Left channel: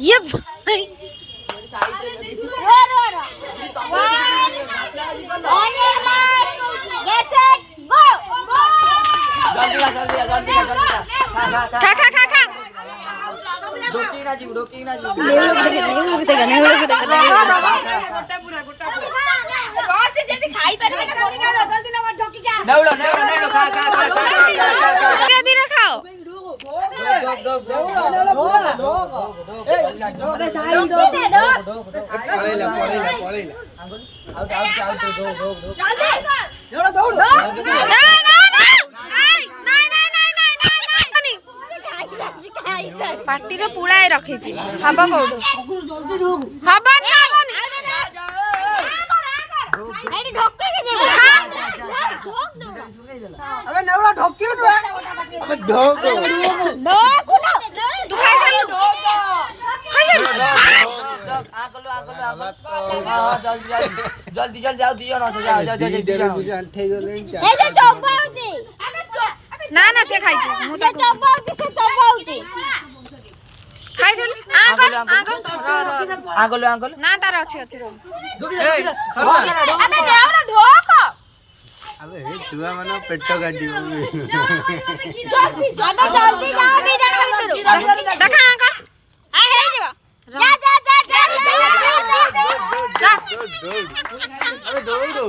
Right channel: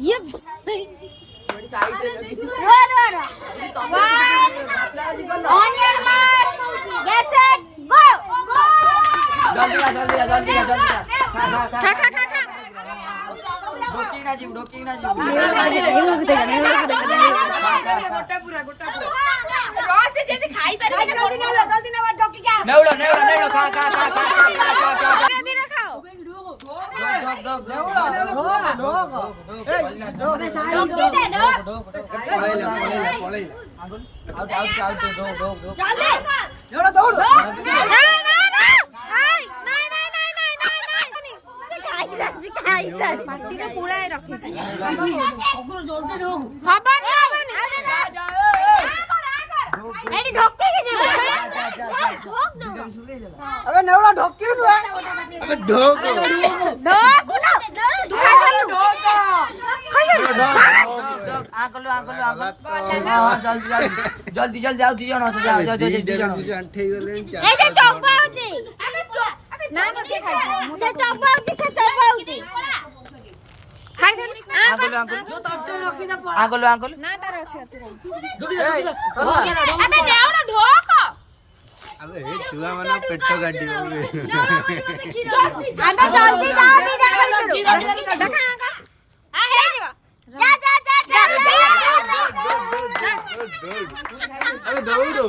ये भाई खा खा खा खा डोकी ना जीव रस से जल्दी खाई पे जल्दी ना ढोकी क्या नेवड़ो खा धीरे धीरे खाओ पार्टी रे पुळाय रखिछि हबा कोडो हबनी एडी ढोके के जे अबे नेवड़ा ढोकी ना अबे ढोक तू खा चलू जल्दी आओ दियो ना ए जे चौपा होची ना से खाइ छी मु त चौपा होची से चौपा होची खाइ चल आगलो ना तार अछि रो अबे ढोक अबे हे छुआ माने पेट गाडी देखा अंकल आ हे जीवा जा अबे दौड़ो